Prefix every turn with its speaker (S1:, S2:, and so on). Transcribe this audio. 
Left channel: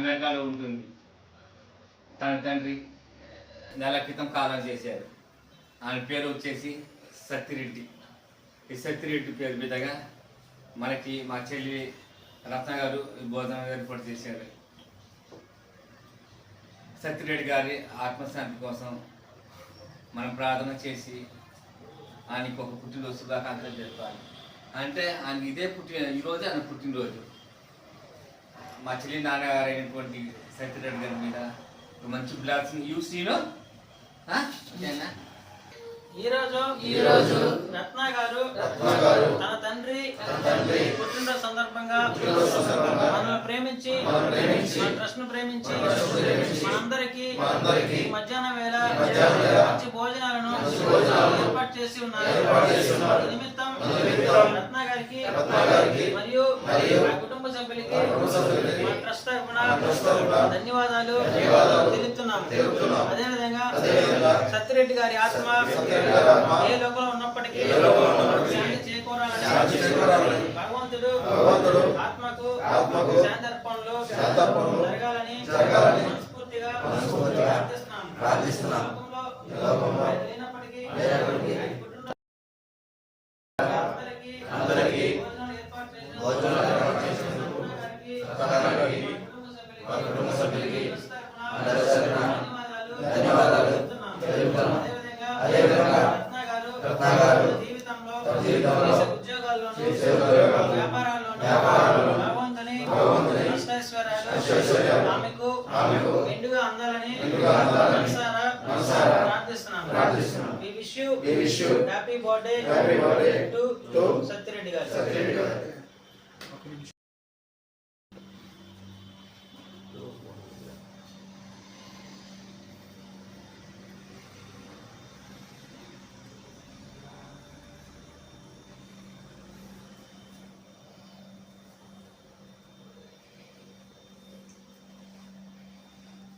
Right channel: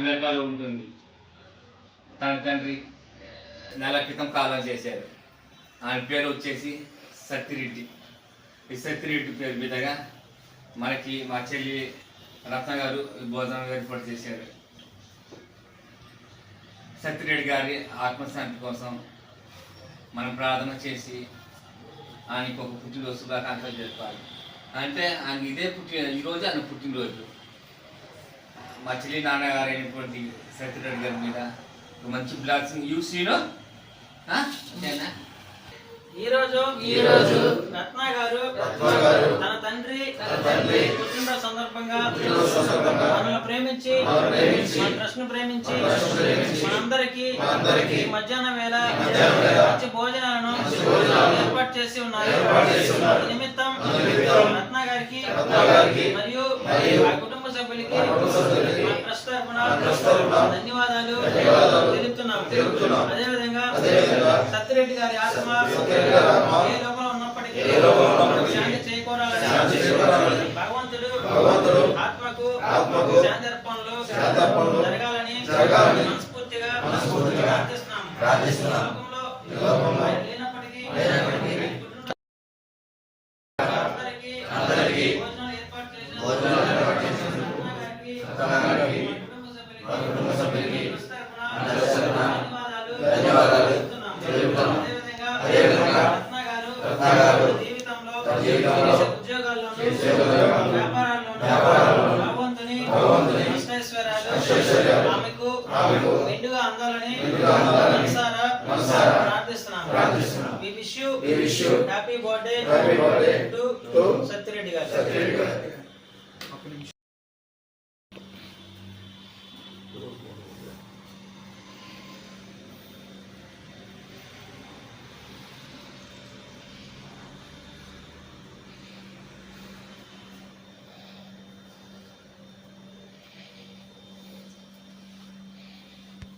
S1: అమెరికాలో ఉంటుంది. తన తండ్రి నెల క్రితం కాలం చేశారు. ఆయన పేరు వచ్చేసి సత్తిరెడ్డి. ఈ సత్తిరెడ్డి పేరు మీదగా మనకి మా చెల్లి రత్న గారు భోజనం ఏర్పాటు చేశారు. సత్యరెడ్డి గారి ఆత్మశాంతి కోసం మనం ప్రార్థన చేసి ఆయనకి ఒక పుట్టినరోజు శుభాకాంక్షలు జరపాలి అంటే ఆయన ఇదే పుట్టిన ఈరోజు ఆయన పుట్టినరోజు. మా చెల్లి నాన్నగారు అయినటువంటి సత్యరెడ్డి గారి మీద మంచి బ్లాక్సింగ్ యూ శ్రీను ఆ? అంతేనా?
S2: ఈ రోజు
S3: ఈ రోజు
S2: రత్న గారు తన తండ్రి
S3: తన తండ్రి
S2: పుట్టినరోజు సందర్భంగా మనల్ని ప్రేమించి మన ను ప్రేమించి మనందరికీ ఈ మధ్యాహ్నం వేళ మంచి భోజనాలను ఏర్పాటు చేసి ఉన్నారు నిమిత్తం రత్న గారికి మరియు ఆ కుటుంబ సభ్యులకి మన ట్రస్ట్ ధన్యవాదాలు
S3: ధన్యవాదాలు
S2: తెలుపుతున్నాం
S3: తెలుపుతున్నాం.
S2: అదేవిధంగా సత్యరెడ్డి గారి ఆత్మ ఏ లోకంలో ఉన్నప్పటికీ శాంతి చేకూరాలని భగవంతుడు
S3: భగవంతుడు
S2: ఆత్మకు
S3: ఆత్మకు
S2: శాంతర్పణలు జరగాలని మనస్ఫూర్తిగా
S3: మనస్ఫూర్తిగా
S2: ప్రార్థిస్తున్నాం
S3: ప్రార్థిస్తున్నాం.
S2: ఈ లోకంలో
S3: ఈ లోకంలో
S2: ఆయన లేనప్పటికీ అందరికీ భోజనాలు ఏర్పాటు కుటుంబ సభ్యులకి,
S3: అందరి
S2: ధన్యవాదాలు. తెలుపుతున్నాం. అదేవిధంగా రత్న గారు తన జీవితంలో చేసే భగవంతుని ఆమెకు అందాలని మనసారా ప్రార్థిస్తున్నాం wish you
S3: We wish you
S2: happy birthday
S3: happy birthday
S2: to
S3: to
S2: Satya Reddy గారు
S3: సత్యరెడ్డి గారు